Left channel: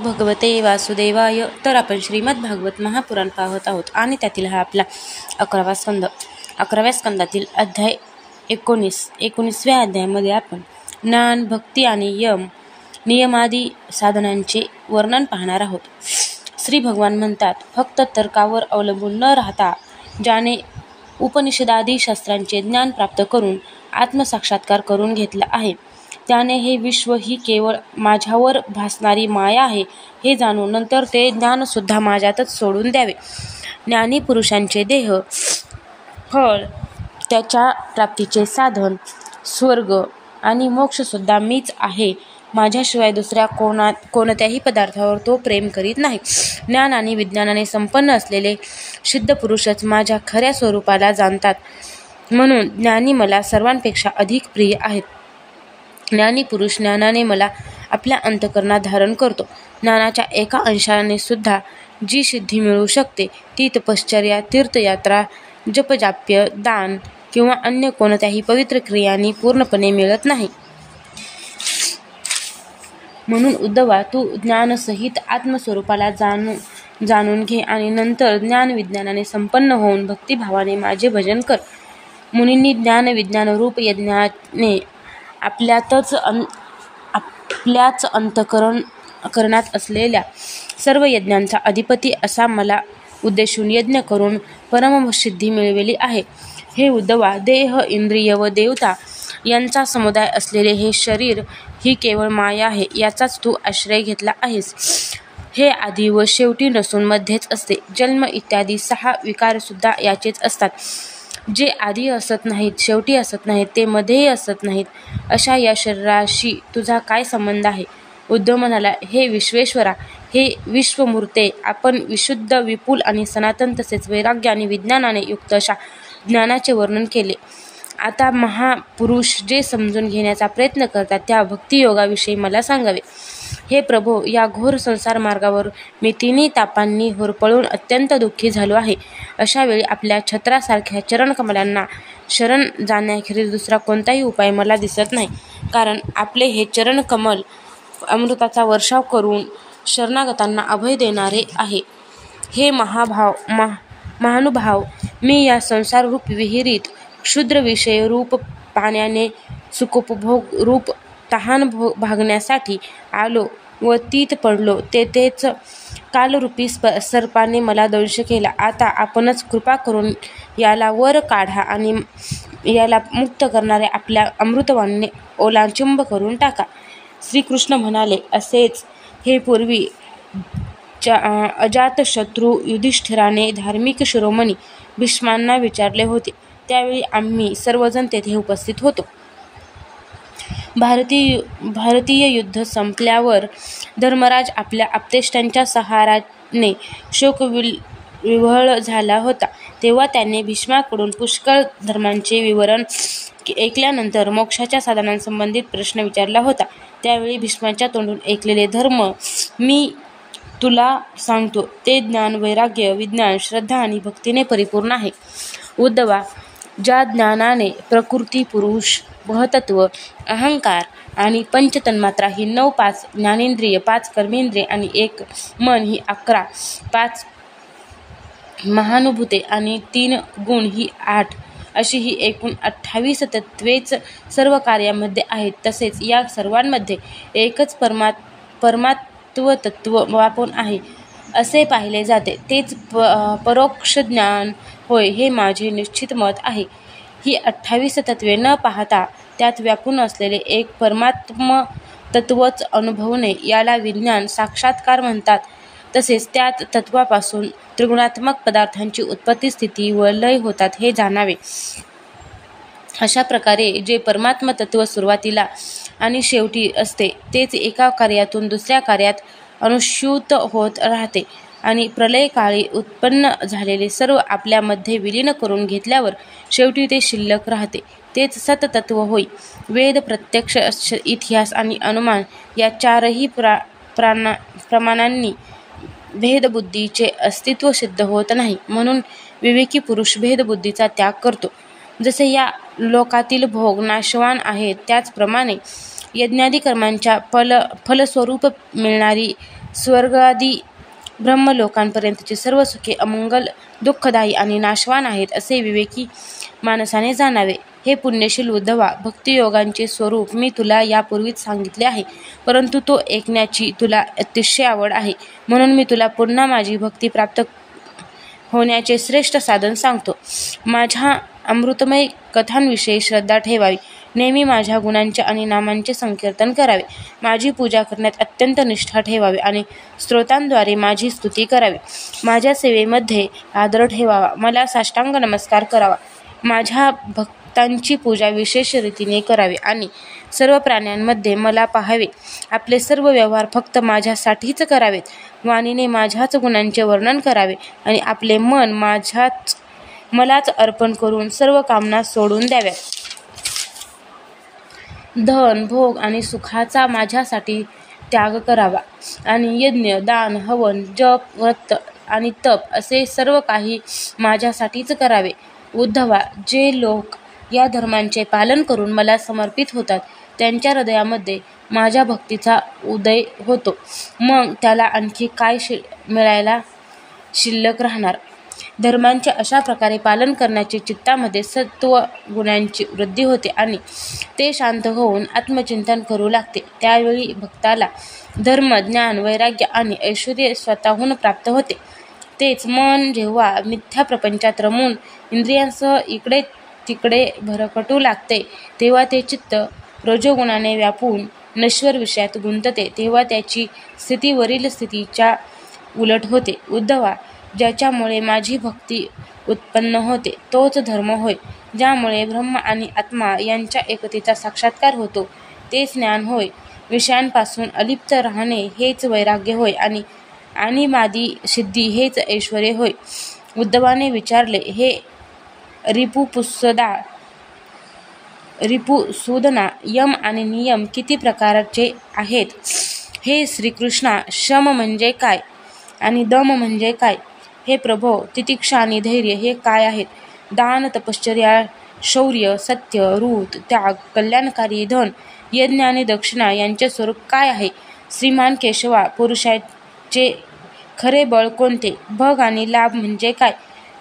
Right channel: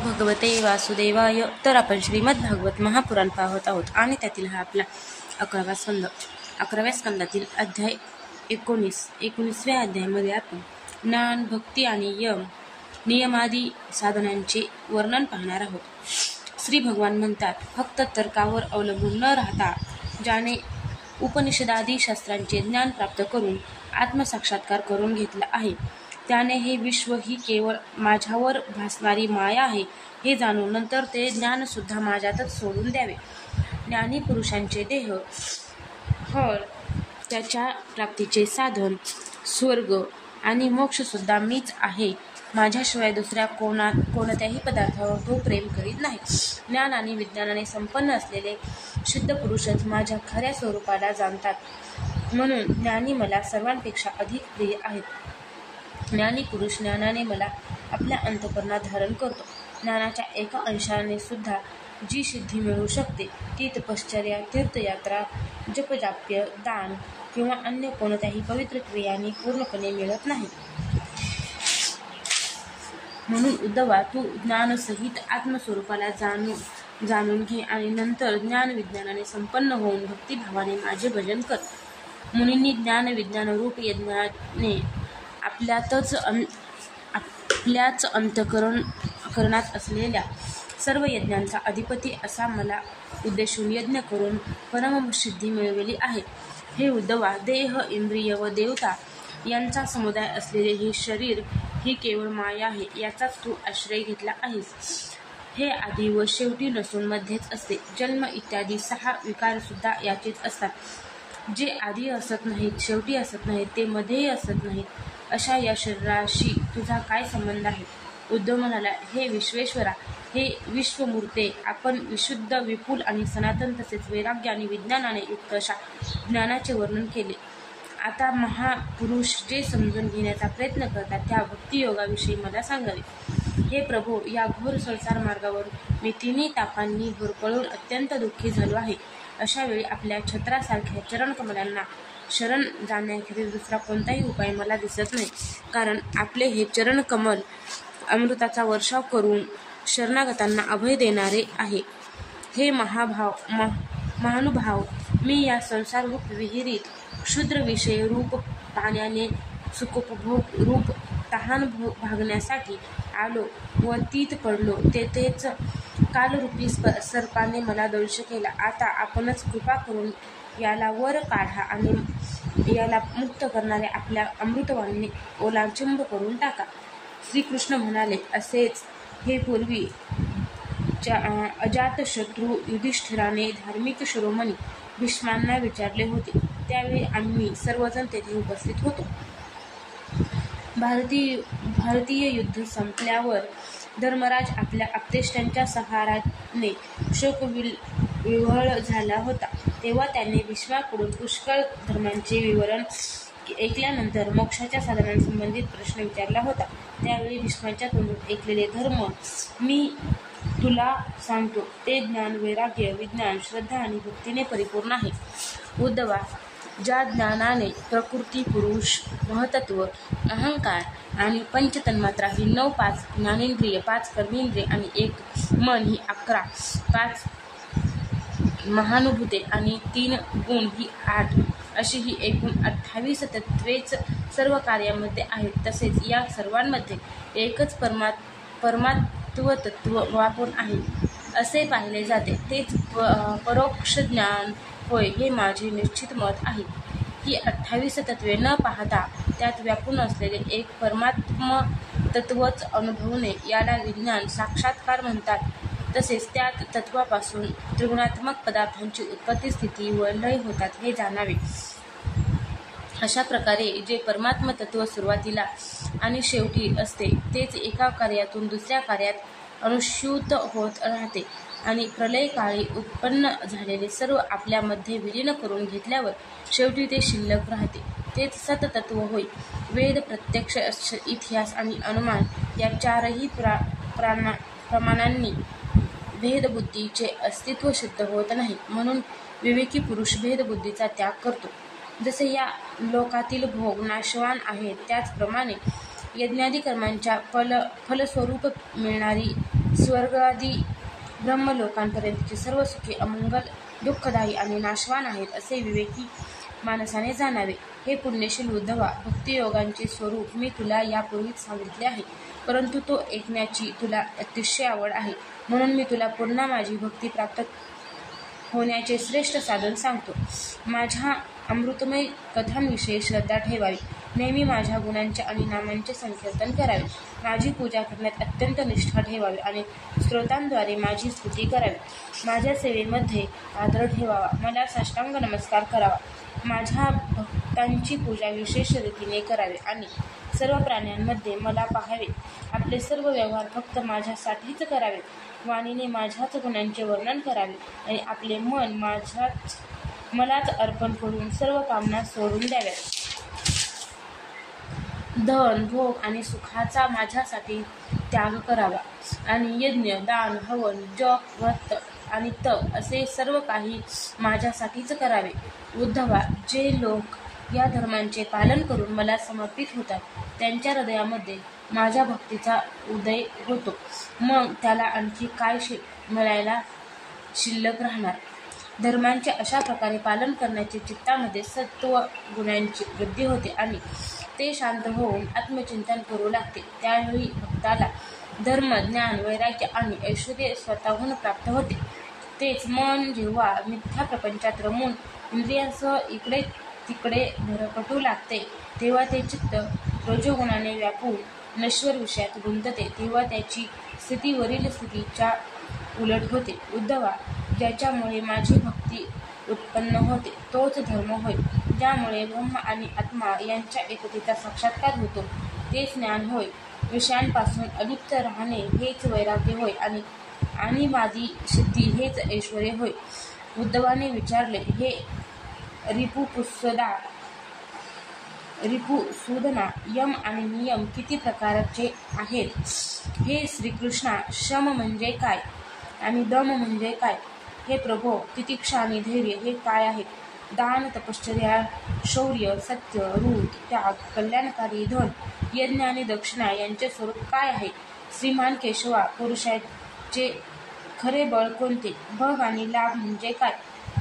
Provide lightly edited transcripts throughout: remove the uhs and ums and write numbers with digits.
भगवते वासुदेवाय. तर आपण श्रीमद भागवत महापुराण पाहत आहोत आणि त्यातील हा आपला 11व्या स्कंदातील अध्याय 19व्या अध्यायामध्ये आपण ज्ञान, भक्ती आणि नियमादी साधनांचे वर्णन पाहणार आहोत. श्री भगवान म्हणतात, फक्त तर्कावर अवलंबून न राहता ज्याने उपनिषदादी शास्त्रांचे ज्ञान प्राप्त करून आत्मसाक्षात्कार करून घेतला आहे, त्याने हे विश्व ही केवळ माझ्यावर भासणारी माया आहे हे जाणून नंतर ते ज्ञानसुद्धा माझ्यातच सोडून द्यावे. ज्ञानी पुरुषांचे देह, फळ, त्याच्या प्राप्तीचे साधन, स्वर्ग आणि मोक्षसुद्धा मीच आहे. माझ्याशिवाय दुसऱ्या कोणत्याही पदार्थावर तो प्रेम करीत नाही. ज्ञान आणि विज्ञानाने संपन्न असलेले सिद्ध पुरुषच माझ्या खऱ्या स्वरूपाला जाणतात, म्हणून ज्ञानी मला सर्वांपेक्षा अधिक प्रिय आहेत. ज्ञानी पुरुष ज्ञानाने मला आपल्या अंतःकरणात धारण करतो. ज्ञानाच्या एका अंशाने सुद्धा जी सिद्धी मिळू शकते ती तपश्चर्या, तीर्थयात्रा, जपजाप्य, दान किंवा अन्य कोणत्याही पवित्र क्रियांनी पूर्णपणे मिळत नाही. म्हणून उद्धवा, तू ज्ञानसहित आत्मस्वरूपाला जाणून घे आणि नंतर ज्ञान विज्ञानाने संपन्न होऊन भक्तिभावाने माझे भजन कर. मुनींनी ज्ञान विज्ञान रूप यज्ञाने आपल्याच अंतःकरणात असलेल्या सर्व यज्ञांचा अधिपती असा मला उद्देशून यज्ञ करून परमसिद्धी मिळवली आहे. हे उद्धवा, देह, इंद्रिय व देवता यांचा समुदाय असलेले हे शरीर ही केवळ माया आहे, याचाच तू आश्रय घेतला आहेस. हे आधी व शेवटी नसून मध्येच असते. जन्म इत्यादी 6 विकारसुद्धा याचेच असतात. जे आधी असत नाहीत, शेवटी असत नाहीत, ते मध्येही असत नाहीत, अशा या शरीराशी तुझा काय संबंध आहे? उद्धव म्हणाला, हे विश्वेश्वरा, हे विश्वमूर्ते, आपण विशुद्ध, विपुल आणि सनातन तसेच वैराग्य आणि विज्ञानाने युक्त अशा ज्ञानाचे वर्णन केले. आता महापुरुष जे समजून घेण्याचा प्रयत्न करतात त्या भक्तियोगाविषयी मला सांगावे. हे प्रभो, या घोर संसार मार्गावर मी 3 तापांनी होरपळून अत्यंत दुःखी झालो आहे. अशा वेळी आपल्या छत्रासारख्या चरणकमलांना शरण जाण्याखेरीज दुसरा कोणताही उपाय मला दिसत नाही, कारण आपले हे चरणकमल अमृताचा वर्षाव करून शरणागतांना अभय देणारे आहे. हे महानुभाव, मी या संसाररूप विहिरीत क्षुद्र विषय रूप पाण्याने सुखोपभोग रूप तहान भागण्यासाठी आलो व तीत पडलो. तेथेच कालरूपी सर्पाने मला दंश केला. आता आपणच कृपा करून याला वर काढा आणि याला मुक्त करणाऱ्या आपल्या अमृतवाणीने ओलांचुंब करून टाका. श्रीकृष्ण म्हणाले, असेच हे पूर्वी अजातशत्रू युधिष्ठिराने धार्मिक शिरोमणी भीष्मांना विचारले होते. त्यावेळी आम्ही सर्वजण तेथे उपस्थित होतो. भारतीय युद्ध संपल्यावर धर्मराज आपल्या आप्तेष्टांच्या सहाराने शोकविव्हळ झाला होता. तेव्हा त्याने भीष्माकडून पुष्कळ धर्मांचे विवरण ऐकल्यानंतर मोक्षाच्या साधनांसंबंधित प्रश्न विचारला होता. त्यावेळी भीष्माच्या तोंडून ऐकलेले धर्म मी तुला सांगतो. ते ज्ञान, वैराग्य, विज्ञान, श्रद्धा आणि भक्तीने परिपूर्ण आहे. उद्धवा, ज्या ज्ञानाने प्रकृती, पुरुष, महतत्व, अहंकार आणि पंचतन्मात्रा ही 9, 5 ज्ञानेंद्रिय, 5 कर्मेंद्रिय आणि 1 मन ही 11, 5 महानुभूते आणि 3 गुण ही 8 अशी ही एकूण 28 तत्वेच सर्व कार्यामध्ये आहेत. तसेच या सर्वांमध्ये एकच परमात्मतत्व व्यापून आहे असे पाहिले जाते. तेच परोक्ष ज्ञान होय, हे माझे निश्चित मत आहे. ही 28 तत्वे न पाहता त्यात व्यापून असलेले एक परमात्मतत्वच अनुभवणे याला विज्ञान साक्षात्कार म्हणतात. तसेच त्यात तत्वापासून त्रिगुणात्मक पदार्थांची उत्पत्ती, स्थिती व लय होतात हे जाणावे. अशा प्रकारे जे परमात्मतत्व सुरुवातीला आणि शेवटी असते तेच एका कार्यातून दुसऱ्या कार्यात अनुस्यूत होत राहते आणि प्रलयकाळी उत्पन्न झालेले सर्व आपल्यामध्ये विलीन करून घेतल्यावर शेवटी ते शिल्लक राहते. तेच सततत्व होय. वेद, प्रत्यक्ष, इतिहास आणि अनुमान या 4ही प्रमाणांनी भेदबुद्धीचे अस्तित्व सिद्ध होत नाही. म्हणून विवेकी पुरुष भेदबुद्धीचा त्याग करतो. जसे या लोकातील भोग नाशवान आहेत, त्याचप्रमाणे यज्ञादी कर्मांच्या फलस्वरूप मिळणारी स्वर्गादी ब्रह्मलोकांपर्यंतची सर्व सुखे अमंगल, दुःखदायी आणि नाशवान आहेत असे विवेकी माणसाने जाणावे. हे पुण्यशील उद्धवा, भक्तियोगांचे स्वरूप मी तुला यापूर्वीच सांगितले आहे, परंतु तो ऐकण्याची तुला अतिशय आवड आहे, म्हणून मी तुला पुन्हा माझी भक्ती प्राप्त होण्याचे श्रेष्ठ साधन सांगतो. माझ्या अमृतमय कथांविषयी श्रद्धा ठेवावी, नेहमी माझ्या गुणांचे आणि नामांचे संकीर्तन करावे, माझी पूजा करण्यात अत्यंत निष्ठा ठेवावी आणि स्तोत्रांद्वारे माझी स्तुती करावी, माझ्या सेवेमध्ये आदर ठेवावा, मला साष्टांग नमस्कार करावा, माझ्या भक्तांची पूजा विशेष रीतीने करावी आणि सर्व प्राण्यांमध्ये मला पाहावे, आपले सर्व व्यवहार फक्त माझ्यासाठीच करावेत, वाणीने माझ्याच गुणांचे वर्णन करावे आणि आपले मन मलाच अर्पण करून सर्व कामना सोडून द्याव्यात. धन, भोग आणि सुखाचा माझ्यासाठी त्याग करावा आणि यज्ञ, दान, हवन, जप, व्रत आणि तप असे सर्व काही माझ्यासाठीच करावे. उद्धवा, जे लोक या धर्मांचे पालन करून मला समर्पित होतात त्यांच्या हृदयामध्ये माझ्या भक्तीचा उदय होतो. मग त्याला आणखी काय मिळायला शिल्लक राहणार. धर्मांचे अशा प्रकारे पालन करण्याचे चित्तामध्ये सत्व गुणांची वृद्धी होते आणि ते शांत होऊन आत्मचिंतन करू लागते. त्यावेळी भक्ताला धर्म, ज्ञान, वैराग्य आणि ऐश्वर्य स्वतःहून प्राप्त होते. तेच मन जेव्हा मिथ्या प्रपंचात रमून इंद्रियांसह इकडे तिकडे भरकटू लागते, तेव्हा ते चित्त रजोगुणाने व्यापून नश्वर विषयात गुंतते, तेव्हा त्याची स्थिती वरील स्थितीच्या उलट होते. उद्धवा, ज्याच्यामुळे माझी भक्ती उत्पन्न होते तोच धर्म होय, ज्यामुळे ब्रह्म आणि आत्मा यांच्या एकतेचा साक्षात्कार होतो तेच ज्ञान होय, विषयांपासून अलिप्त राहणे हेच वैराग्य होय आणि मादी सिद्धी हेच ऐश्वर्य होय. उद्धवाने विचारले, हे रिपुसूदना, यम आणि नियम किती प्रकारचे आहेत? हे श्रीकृष्णा, शम म्हणजे काय आणि दम म्हणजे काय? हे प्रभो, तितिक्षा आणि धैर्य हे काय आहेत? दान, तपश्चर्या, शौर्य, सत्य, ऋत, त्याग, कल्याणकारी धन, यज्ञ आणि दक्षिणा यांचे स्वरूप काय आहे? श्रीमान केशवा, पुरुषाचे खरे बळ कोणते? भग आणि लाभ म्हणजे काय?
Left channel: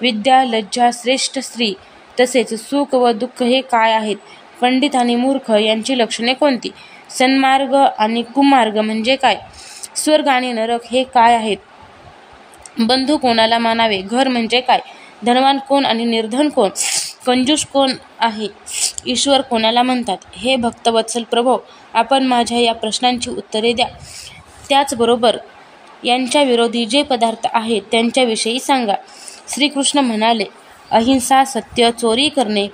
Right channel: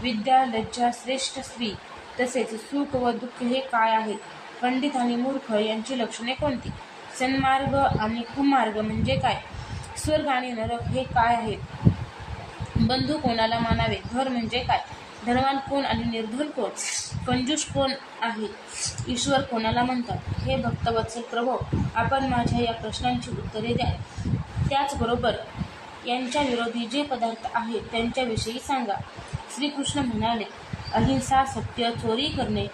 विद्या, लज्जा, श्रेष्ठ स्त्री तसेच सुख व दुःख हे काय आहेत? पंडित आणि मूर्ख यांची लक्षणे कोणती? सन्मार्ग आणि कुमार्ग म्हणजे काय? स्वर्ग आणि नरक हे काय आहेत? बंधू कोणाला मानावे? घर म्हणजे काय? धनवान कोण आणि निर्धन कोण? कंजूस कोण आहे? ईश्वर कोणाला म्हणतात? हे भक्तवत्सल प्रभो, आपण माझ्या या प्रश्नांची उत्तरे द्या. त्याचबरोबर यांच्या विरोधी जे पदार्थ आहेत त्यांच्याविषयी सांगा. श्रीकृष्ण म्हणाले, अहिंसा, सत्य, चोरी करणे,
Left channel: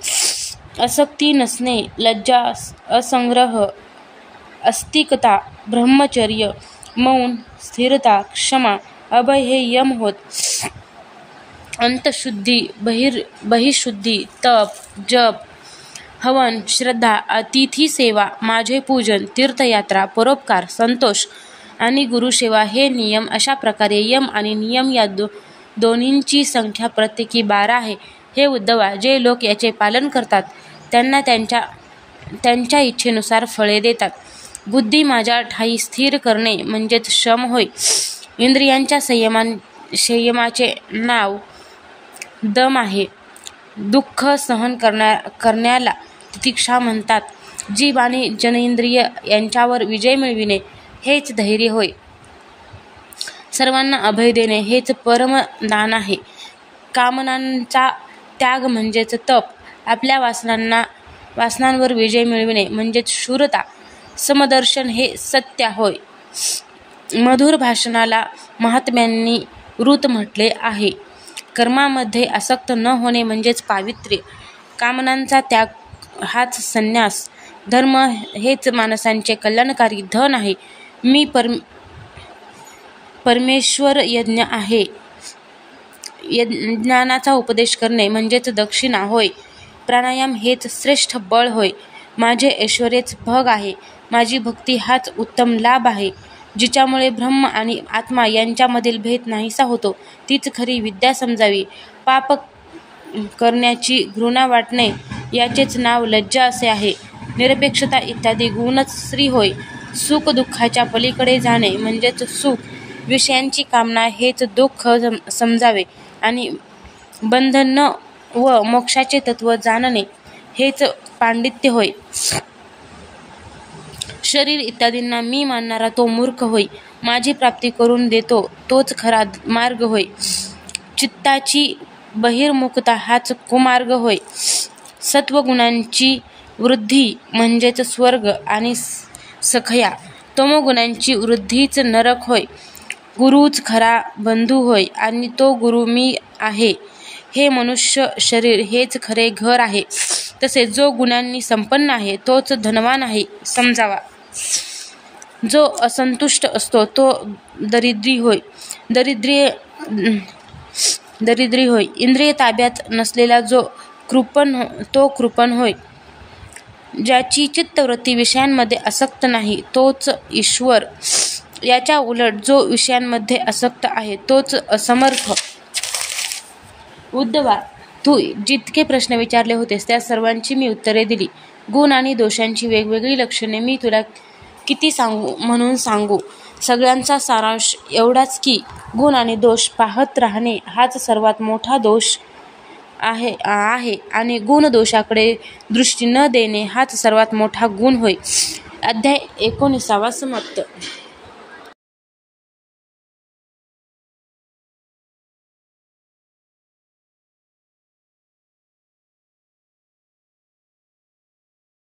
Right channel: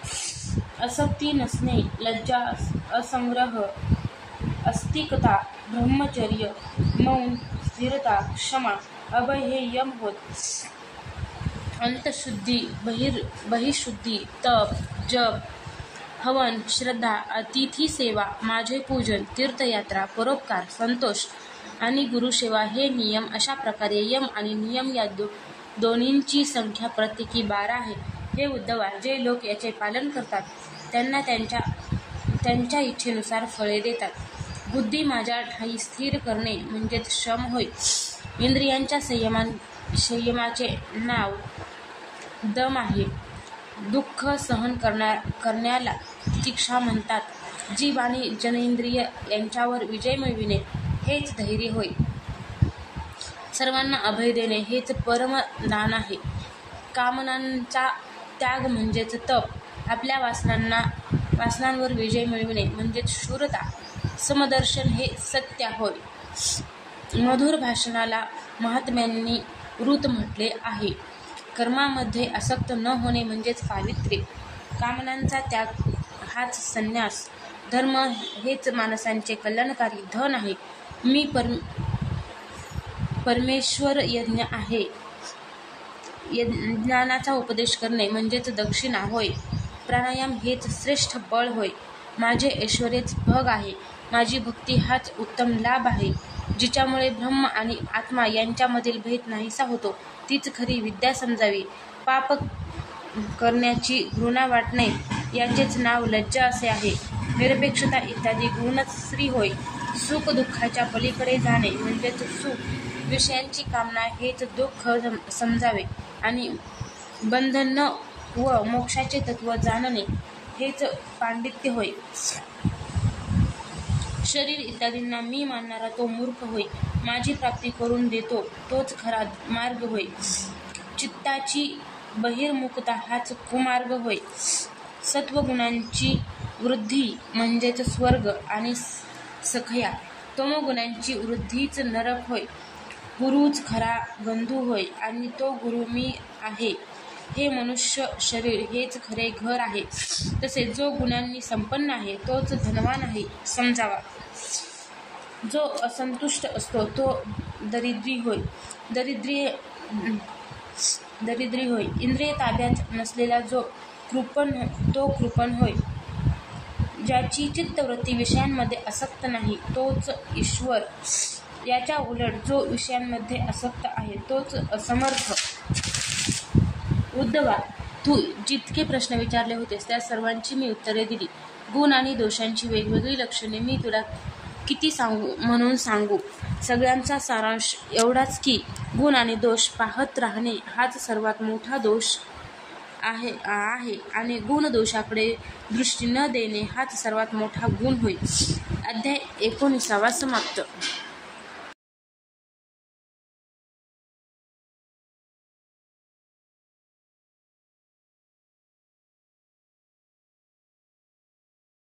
आसक्ती नसणे, लज्जा, असंग्रह, अस्तिकता, ब्रह्मचर्य, मौन, स्थिरता, क्षमा, अभय हे यम होत. अंतशुद्धी, बहिशुद्धी, तप, जप, हवन, श्रद्धा, अतिथी सेवा, माझे पूजन, तीर्थयात्रा, परोपकार, संतोष आणि गुरुसेवा हे नियम. अशा प्रकारे यम आणि नियम या दोन्हींची संख्या प्रत्येकी 12 आहे. हे उद्धवा, जे लोक याचे पालन करतात त्यांना त्यांच्या इच्छेनुसार फळे देतात. बुद्धी माझ्या ठायी स्थिर करणे म्हणजेच शम होय. इंद्रियांच्या संयमाचे नाव दम आहे. दुःख सहन करण्याला तितिक्षा म्हणतात. जीभ आणि जननेंद्रिय यांच्यावर विजय मिळविणे हेच धैर्य होय. सर्वांना अभय देणे हेच परमदान आहे. कामनांचा त्याग म्हणजेच तप. आपल्या वासनांवर विजय मिळविणे म्हणजेच शूरता. समदर्शन हे सत्य होय. मधुर भाषणाला महात्म्यांनी ऋत म्हटले आहे. कर्मामध्ये आसक्त न होणे म्हणजेच पावित्र्य. कामनांचा त्याग हाच संन्यास. धर्म हेच माणसांचे कल्याणकारी धन आहे. मी परमेश्वर यज्ञ आहे. ज्ञानाचा उपदेश करणे म्हणजेच दक्षिणा होय. प्राणायाम हेच श्रेष्ठ बळ होय. माझे ऐश्वर्यच भग आहे. माझी भक्ती हाच उत्तम लाभ आहे. जिच्यामुळे ब्रह्म आणि आत्मा यांच्यामधील भेद नाहीसा होतो तीच खरी विद्या समजावी. पाप करण्याची घृणा वाटणे याचेच नाव लज्जा असे आहे. निरपेक्षता इत्यादी गुणच श्री होय. सुख दुःखाच्या पलीकडे जाणे म्हणजेच सुख. विषयांची कामना हेच दुःख समजावे आणि बंधन व मोक्षाचे तत्व जाणणे हेच पांडित्य होय. शरीर इत्यादींना मी मानणारा तो मूर्ख होय. माझी प्राप्ती करून देतो तोच खरा मार्ग होय. चित्ताची बहिर्मुखता हाच कुमार्ग होय. सत्वगुणांची वृद्धी म्हणजेच स्वर्ग आणि सखया, तमोगुणांची वृद्धीच नरक होय. गुरुच खरा बंधू होय आणि तो गुरु मी आहे. हे मनुष्य शरीर हेच खरे घर आहे. तसे जो गुणांनी संपन्न आहे तोच धनवान आहे समजावा. जो असंतुष्ट असतो तो दरिद्री होय. दरिद्री होय. इंद्रिय ताब्यात नसलेला जो कृपण होय. ज्याची चित्तवृत्ती विषयांमध्ये आसक्त नाही तोच ईश्वर. याच्या उलट जो विषयांमध्ये आसक्त आहे तोच असमर्थ. उद्धवा, तू जितके प्रश्न विचारले होतेस त्या सर्वांची मी उत्तरे दिली. गुण आणि दोषांची वेगवेगळी लक्षणे मी तुला किती म्हणून सांगू. सगळ्यांचा सारांश एवढाच की गुण आणि दोष पाहत राहणे हाच सर्वात मोठा दोष आहे आणि गुण दोषाकडे दृष्टी न देणे हाच सर्वात मोठा गुण होय. अध्याय 19 समाप्त.